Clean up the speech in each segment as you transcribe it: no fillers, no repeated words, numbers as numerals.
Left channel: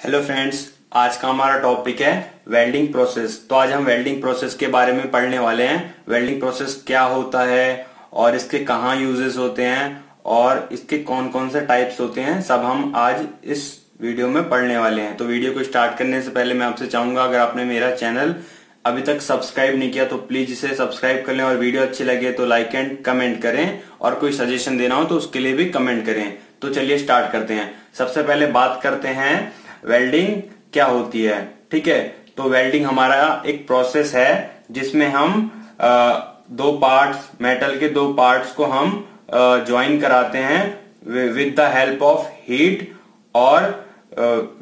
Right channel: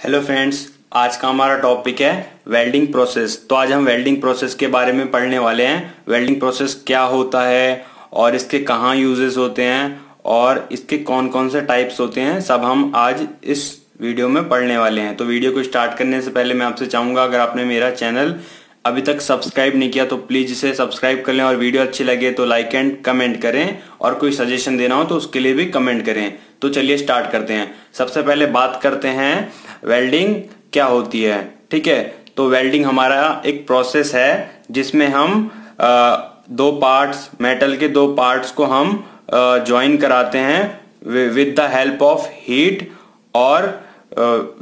Hello friends, आज का हमारा टॉपिक है वेल्डिंग प्रोसेस। तो आज हम वेल्डिंग प्रोसेस के बारे में पढ़ने वाले हैं। वेल्डिंग प्रोसेस क्या होता है और इसके कहाँ यूजेस होते हैं और इसके कौन कौन से टाइप्स होते हैं, सब हम आज इस वीडियो में पढ़ने वाले हैं। तो वीडियो को स्टार्ट करने से पहले मैं आपसे चाहूंगा, अगर आपने मेरा चैनल अभी तक सब्सक्राइब नहीं किया तो प्लीज इसे सब्सक्राइब कर लें और वीडियो अच्छी लगे तो लाइक एंड कमेंट करें और कोई सजेशन देना हो तो उसके लिए भी कमेंट करें। तो चलिए स्टार्ट करते हैं। सबसे पहले बात करते हैं वेल्डिंग क्या होती है। ठीक है, तो वेल्डिंग हमारा एक प्रोसेस है जिसमें हम दो पार्ट्स, मेटल के दो पार्ट्स को हम ज्वाइन कराते हैं with the help of heat और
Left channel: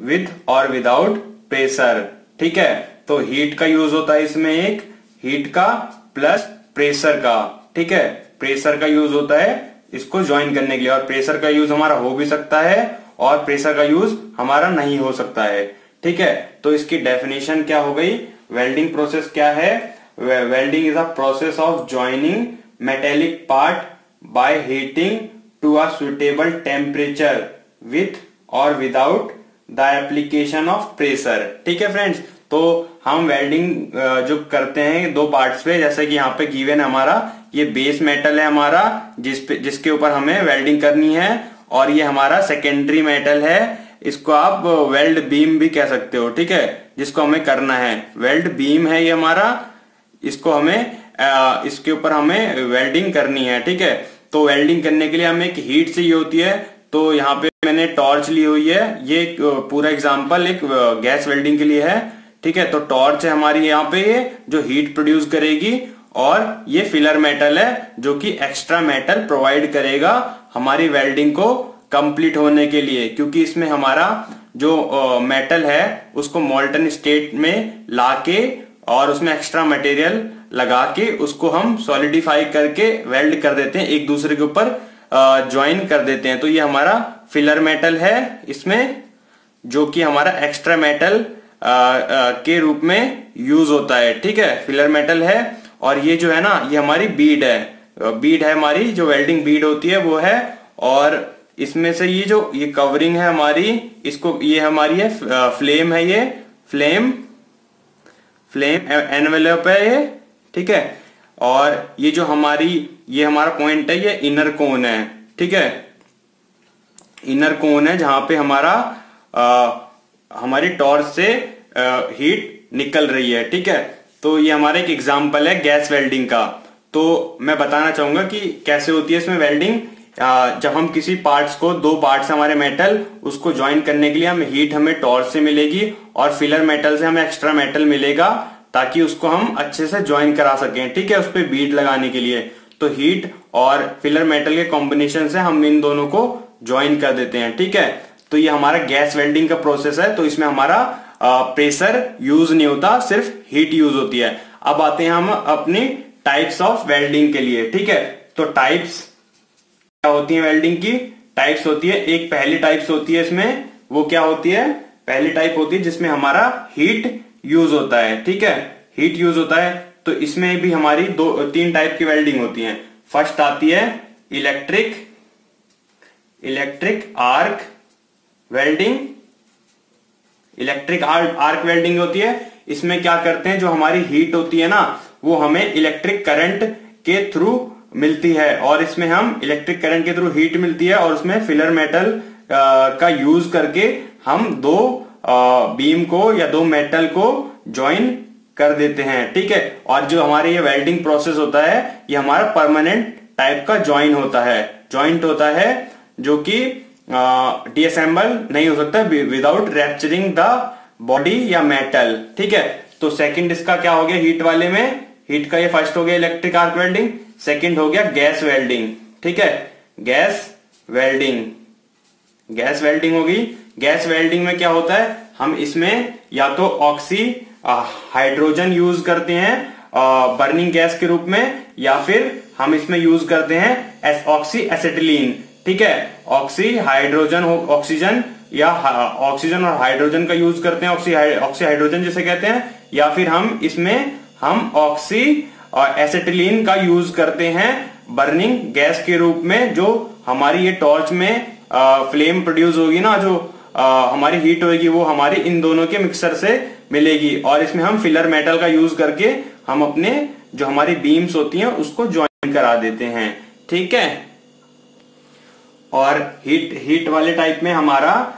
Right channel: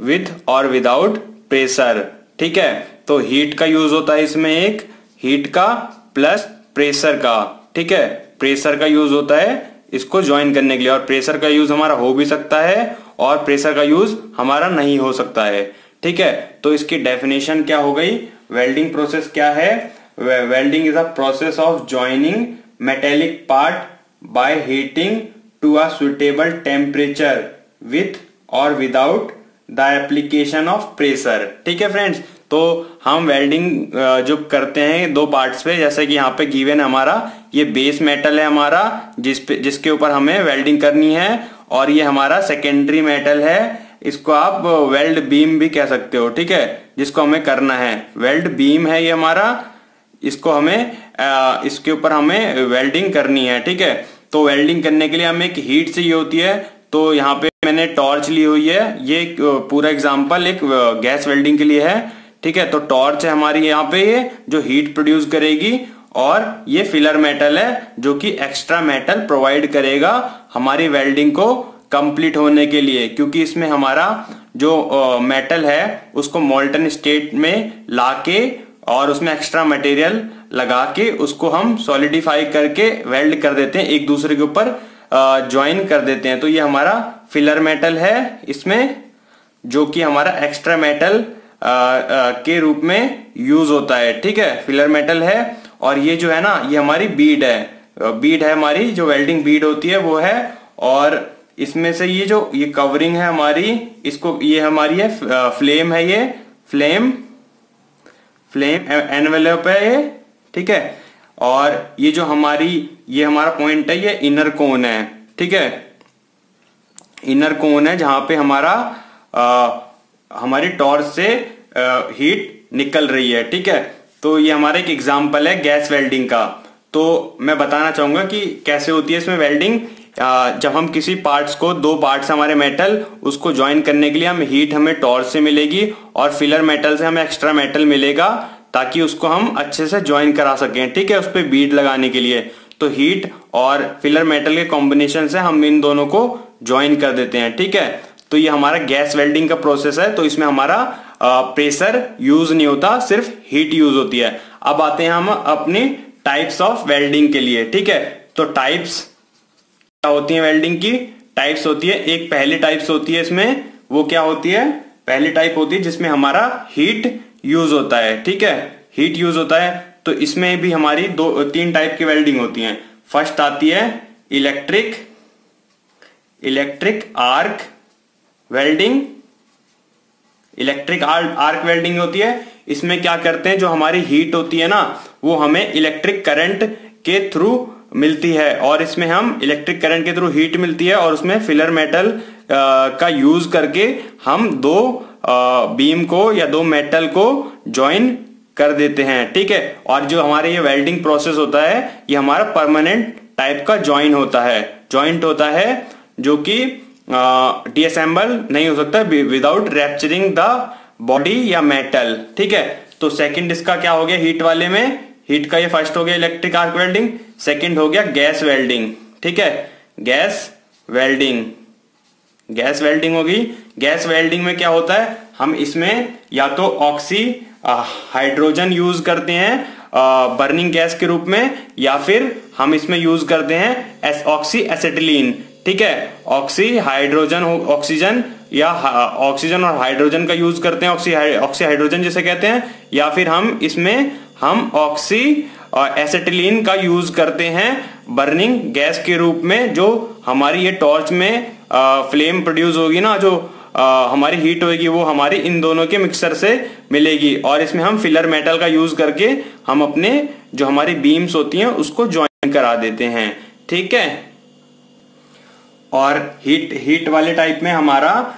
विद और विदाउट प्रेशर। ठीक है, तो हीट का यूज होता है इसमें, एक हीट का प्लस प्रेशर का। ठीक है, प्रेशर का यूज होता है इसको ज्वाइन करने के लिए, और प्रेशर का यूज हमारा हो भी सकता है और प्रेशर का यूज हमारा नहीं हो सकता है। ठीक है, तो इसकी डेफिनेशन क्या हो गई, वेल्डिंग प्रोसेस क्या है। Welding is a process of joining metallic part by heating to a suitable temperature with or without the application of pressure. ठीक है फ्रेंड्स, तो हम वेल्डिंग जो करते हैं दो पार्ट्स पे, जैसे कि यहाँ पे गिवन है हमारा ये बेस मेटल है हमारा जिसके ऊपर हमें वेल्डिंग करनी है, और ये हमारा सेकेंडरी मेटल है, इसको आप वेल्ड बीम भी कह सकते हो। ठीक है, जिसको हमें करना है वेल्ड बीम है ये हमारा, इसको हमें इसके ऊपर हमें वेल्डिंग करनी है। ठीक है, तो वेल्डिंग करने के लिए हमें एक हीट चाहिए होती है। तो यहाँ पे मैंने टॉर्च ली हुई है, ये पूरा एग्जाम्पल एक गैस वेल्डिंग के लिए है। ठीक है, तो टॉर्च है हमारी यहाँ पे, ये जो हीट प्रोड्यूस करेगी, और ये फिलर मेटल है जो कि एक्स्ट्रा मेटल प्रोवाइड करेगा हमारी वेल्डिंग को कंप्लीट होने के लिए, क्योंकि इसमें हमारा जो मेटल है उसको मोल्टन स्टेट में लाके और उसमें एक्स्ट्रा मटेरियल लगा के उसको हम सॉलिडिफाई करके वेल्ड कर देते हैं, एक दूसरे के ऊपर ज्वाइन कर देते हैं। तो ये हमारा फिलर मेटल है इसमें, जो कि हमारा एक्स्ट्रा मेटल के रूप में यूज होता है। ठीक है, फिलर मेटल है, और ये जो है ना ये हमारी बीड है हमारी, जो वेल्डिंग बीड होती है वो है। और इसमें से ये कवरिंग है हमारी, इसको ये हमारी है फ्लेम है, ये फ्लेम एनवेलप है ये। ठीक है, और ये जो ये हमारा पॉइंट है, ये इनर कोन है। ठीक है, इनर कोन है जहां पे हमारी टॉर्च से हीट निकल रही है। ठीक है, तो ये हमारा एक एग्जाम्पल है गैस वेल्डिंग का। तो मैं बताना चाहूंगा कि कैसे होती है इसमें वेल्डिंग। जब हम किसी पार्ट्स को, दो पार्ट्स हमारे मेटल, उसको ज्वाइन करने के लिए हमें टॉर्च से मिलेगी और फिलर मेटल से हमें एक्स्ट्रा मेटल मिलेगा, ताकि उसको हम अच्छे से ज्वाइन करा सकें। ठीक है, उस पर बीड लगाने के लिए तो हीट और फिलर मेटल के कॉम्बिनेशन से हम इन दोनों को ज्वाइन कर देते हैं। ठीक है, तो ये हमारा गैस वेल्डिंग का प्रोसेस है। तो इसमें हमारा प्रेशर यूज नहीं होता, सिर्फ हीट यूज होती है। अब आते हैं हम अपनी टाइप्स ऑफ वेल्डिंग के लिए। ठीक है, तो टाइप्स क्या होती है वेल्डिंग की, टाइप्स होती है, एक पहली टाइप्स होती है इसमें, वो क्या होती है, पहली टाइप होती है जिसमें हमारा हीट यूज होता है। ठीक है, हीट यूज होता है, तो इसमें भी हमारी तीन टाइप की वेल्डिंग होती है। फर्स्ट आती है electric arc welding. Electric arc welding होती है, इसमें क्या करते हैं, जो हमारी हीट होती है ना वो हमें इलेक्ट्रिक करंट के थ्रू मिलती है, और इसमें हम इलेक्ट्रिक करंट के थ्रू हीट मिलती है, और उसमें फिलर मेटल का यूज करके हम दो बीम को या दो मेटल को ज्वाइन कर देते हैं। ठीक है, और जो हमारे ये वेल्डिंग प्रोसेस होता है ये हमारा परमानेंट टाइप का जॉइंट होता है, जो कि डिअसेंबल नहीं हो सकता विदाउट रैप्चरिंग द बॉडी या मेटल। ठीक है, तो सेकंड इसका क्या हो गया, हीट वाले में, हीट का ये फर्स्ट हो गया इलेक्ट्रिक आर्क वेल्डिंग, सेकंड हो गया गैस वेल्डिंग। ठीक है, गैस वेल्डिंग होगी। गैस वेल्डिंग में क्या होता है, हम इसमें या तो हाइड्रोजन यूज करते हैं बर्निंग गैस के रूप में, या फिर हम इसमें यूज करते हैं ऑक्सी एसिटिलीन। ठीक है, ऑक्सीजन या ऑक्सीजन और हाइड्रोजन का यूज करते हैं, ऑक्सी हाइड्रोजन जिसे कहते हैं, या फिर हम ऑक्सी एसिटिलीन का यूज करते हैं बर्निंग गैस के रूप में, जो हमारी ये टॉर्च में फ्लेम प्रोड्यूस होगी ना, जो हमारी हीट होगी वो हमारी इन दोनों के मिक्सर से मिलेगी, और इसमें हम फिलर मेटल का यूज करके हम अपने जो हमारी बीम्स होती हैं उसको ज्वाइन करा देते हैं। ठीक है, और हीट वाले टाइप में हमारा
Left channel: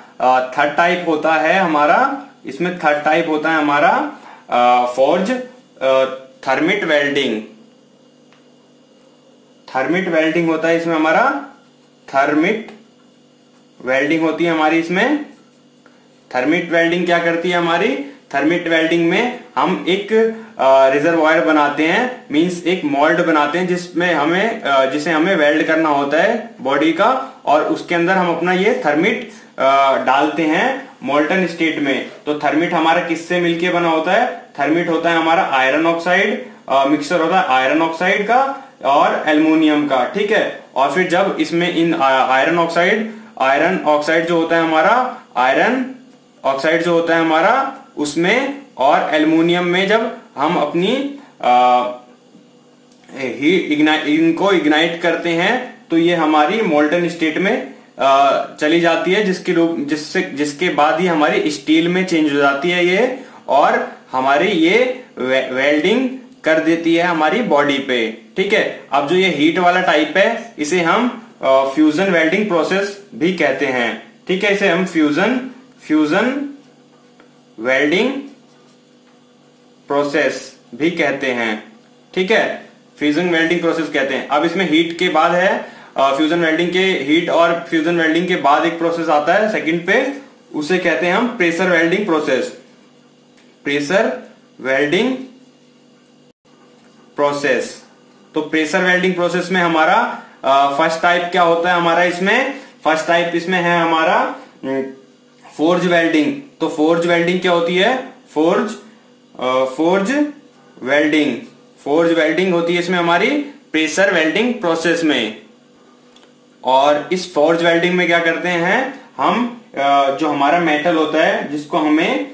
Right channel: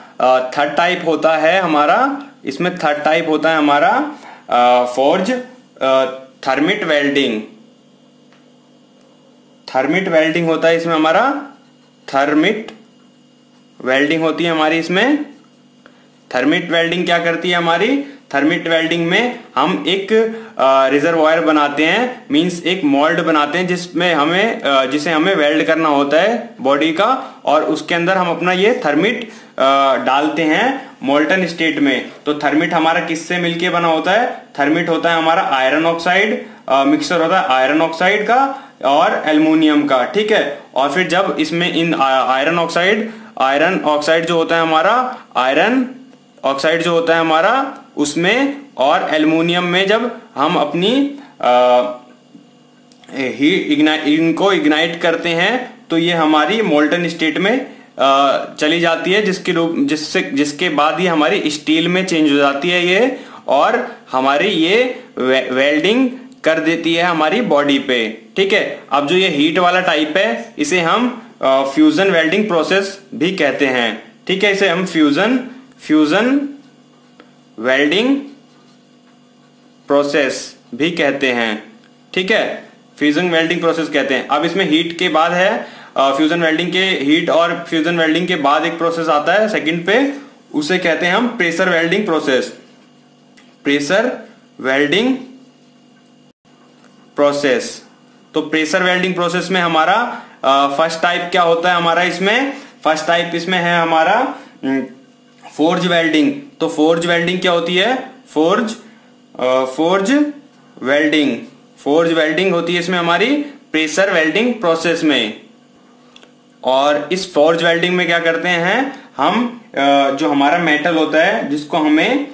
थर्ड टाइप होता है हमारा, इसमें थर्ड टाइप होता है हमारा forge thermite welding. Thermite welding होता है इसमें हमारा, थर्मिट वेल्डिंग होती है हमारी इसमें। थर्मिट वेल्डिंग क्या करती है हमारी, थर्मिट वेल्डिंग में हम एक रिजर्वायर बनाते हैं, मींस एक मोल्ड बनाते हैं जिसमें जिसे हमें वेल्ड करना होता है बॉडी का, और उसके अंदर हम अपना ये थर्मिट डालते हैं मोल्टन स्टेट में। तो थर्मिट हमारा किससे मिलके बना होता है, थर्मिट होता है हमारा आयरन ऑक्साइड, मिक्सर होता है आयरन ऑक्साइड का और एल्युमिनियम का। ठीक है, और फिर जब इसमें इन आयरन ऑक्साइड जो होता है हमारा, आयरन ऑक्साइड जो होता है हमारा उसमें और एल्युमिनियम में जब हम अपनी इनको इग्नाइट करते हैं तो ये हमारी मोल्टन स्टेट में चली जाती है, जिसके बाद ये हमारी स्टील में चेंज हो जाती है ये, और हमारी ये वेल्डिंग कर देती है हमारी बॉडी पे। ठीक है, अब जो ये हीट वाला टाइप है इसे हम फ्यूजन वेल्डिंग प्रोसेस भी कहते हैं। ठीक है, इसे हम फ्यूजन वेल्डिंग प्रोसेस भी कहते हैं। ठीक है, फ्यूजन वेल्डिंग प्रोसेस कहते हैं। अब इसमें हीट के बाद है फ्यूजन वेल्डिंग के, हीट और फ्यूजन वेल्डिंग के बाद एक प्रोसेस आता है सेकंड पे, उसे कहते हैं हम pressure welding process. Pressure welding process. तो प्रेशर वेल्डिंग प्रोसेस में हमारा फर्स्ट टाइप क्या होता है हमारा, इसमें फर्स्ट टाइप इसमें है हमारा फोर्ज वेल्डिंग। तो फोर्ज वेल्डिंग क्या होती है, फोर्ज वेल्डिंग होती है इसमें हमारी प्रेशर वेल्डिंग प्रोसेस में। और इस फोर्ज वेल्डिंग में क्या करते हैं हम, जो हमारा मेटल होता है जिसको हमें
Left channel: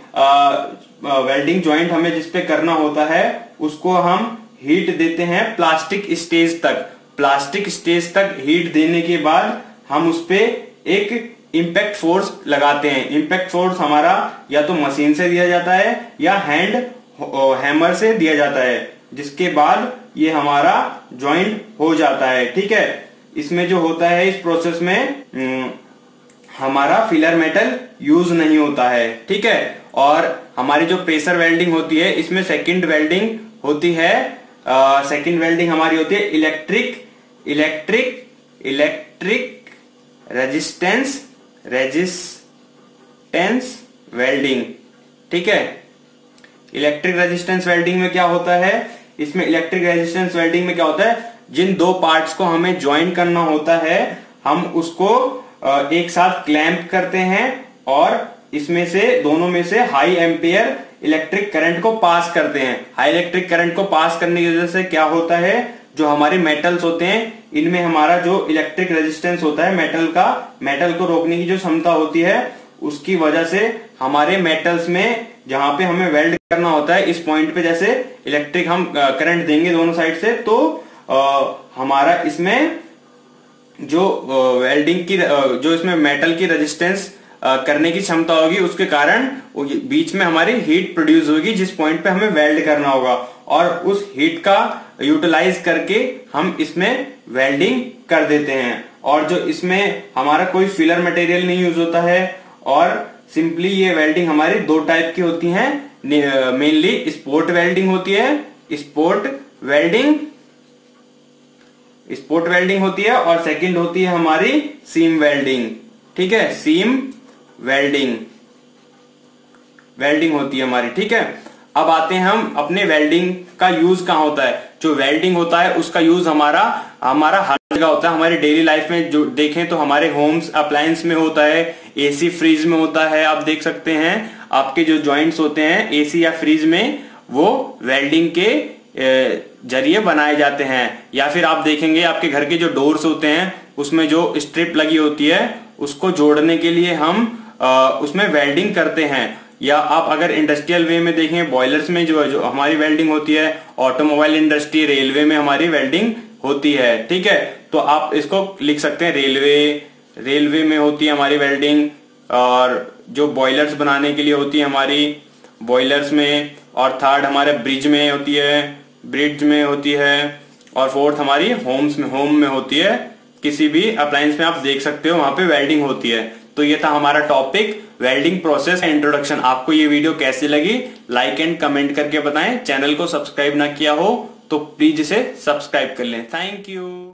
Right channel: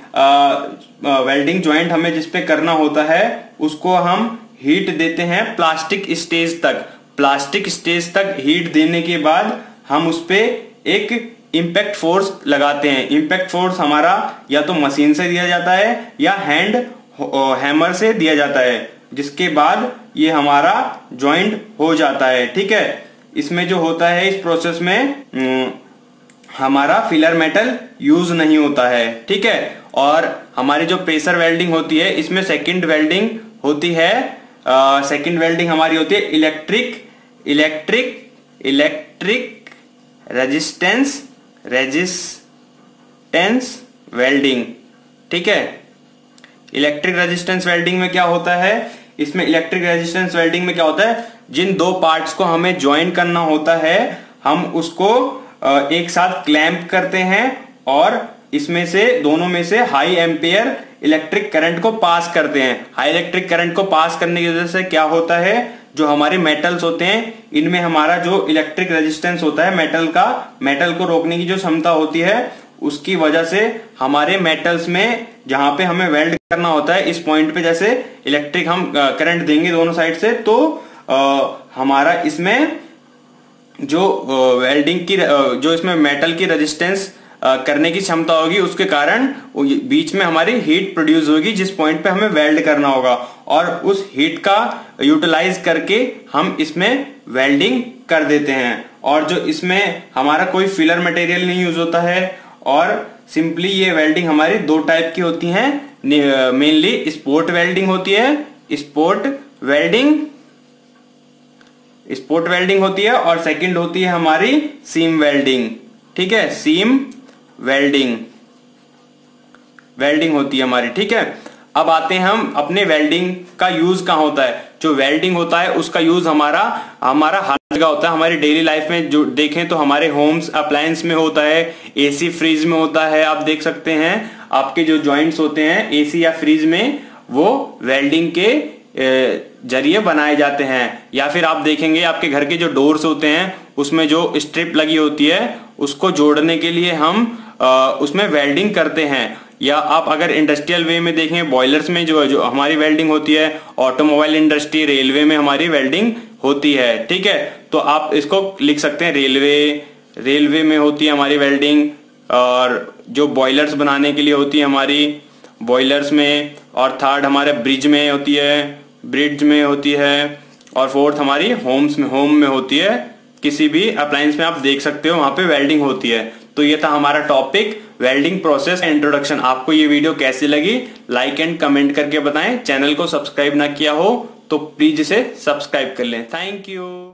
वेल्डिंग ज्वाइंट हमें जिसपे करना होता है उसको हम हीट देते हैं प्लास्टिक स्टेज तक। प्लास्टिक स्टेज तक हीट देने के बाद हम उस पे एक इम्पैक्ट फोर्स लगाते हैं। इम्पैक्ट फोर्स हमारा या तो मशीन से दिया जाता है या हैमर से दिया जाता है, जिसके बाद ये हमारा ज्वाइंट हो जाता है। ठीक है, इसमें जो होता है इस प्रोसेस में हमारा फिलर मेटल यूज नहीं होता है। ठीक है, और हमारी जो प्रेशर वेल्डिंग होती है इसमें सेकंड वेल्डिंग होती है, सेकंड वेल्डिंग हमारी होती है इलेक्ट्रिक रेजिस्टेंस वेल्डिंग। ठीक है, इलेक्ट्रिक रेजिस्टेंस वेल्डिंग में क्या होता है, इसमें इलेक्ट्रिक रेजिस्टेंस वेल्डिंग में क्या होता है, जिन दो पार्ट्स को हमें ज्वाइन करना होता है हम उसको एक साथ क्लैंप करते हैं और इसमें से दोनों में से हाई एम्पियर इलेक्ट्रिक करंट को पास करते हैं। हाई इलेक्ट्रिक करंट को पास करने की वजह से क्या होता है, जो हमारे मेटल्स होते हैं इनमें हमारा जो इलेक्ट्रिक रेजिस्टेंस होता है मेटल को रोकने की जो क्षमता होती है, उसकी वजह से हमारे मेटल्स में जहां पे हमें वेल्ड करना होता है इस पॉइंट पे जैसे इलेक्ट्रिक हम करंट देंगे दोनों साइड से, तो हमारा इसमें जो वेल्डिंग की जो इसमें मेटल की रेजिस्टेंस करने की क्षमता होगी उसके कारण बीच में हमारी हीट प्रोड्यूस होगी जिस पॉइंट पे हमें वेल्ड करना होगा, और उस हीट का यूटिलाइज करके हम इसमें वेल्डिंग कर देते हैं। और जो इसमें हमारा कोई फिलर मटेरियल नहीं यूज होता है, और सिंपली ये वेल्डिंग हमारी दो टाइप की होती है, मेनली स्पोर्ट वेल्डिंग होती है, स्पोर्ट वेल्डिंग होती है, और सेकंड होती है हमारी सीम वेल्डिंग। ठीक है, सीम वेल्डिंग होती है हमारी। ठीक है, अब आते हैं हम अपने वेल्डिंग का यूज कहाँ होता है। जो वेल्डिंग होता है उसका यूज हमारा हर जगह होता है। हमारी डेली लाइफ में जो देखें तो हमारे होम्स अप्लायंस में होता है, एसी फ्रिज में होता है। आप देख सकते हैं आपके जो जॉइंट्स होते हैं एसी या फ्रिज में वो वेल्डिंग के जरिए बनाए जाते हैं। या फिर आप देखेंगे आपके घर के जो डोर्स होते हैं उसमें जो स्ट्रिप लगी होती है उसको जोड़ने के लिए हम उसमें वेल्डिंग करते हैं। या आप अगर इंडस्ट्रियल वे में देखें बॉयलर्स में जो हमारी वेल्डिंग होती है, ऑटोमोबाइल इंडस्ट्री रेलवे में हमारी वेल्डिंग होती है। ठीक है, तो आप इसको लिख सकते हैं रेलवे में होती है हमारी वेल्डिंग, और जो बॉयलर्स बनाने के लिए होती है हमारी, बॉयलर्स में, और थर्ड हमारे ब्रिज में होती है, और फोर्थ हमारी होम में होती है। किसी भी अप्लायंस में आप देख सकते हो वहां पे वेल्डिंग होती है। तो ये था हमारा टॉपिक वेल्डिंग प्रोसेस इंट्रोडक्शन। आपको ये वीडियो कैसी लगी लाइक एंड कमेंट करके बताएं। चैनल को सब्सक्राइब ना किया हो तो प्लीज इसे सब्सक्राइब कर लें। Thank you.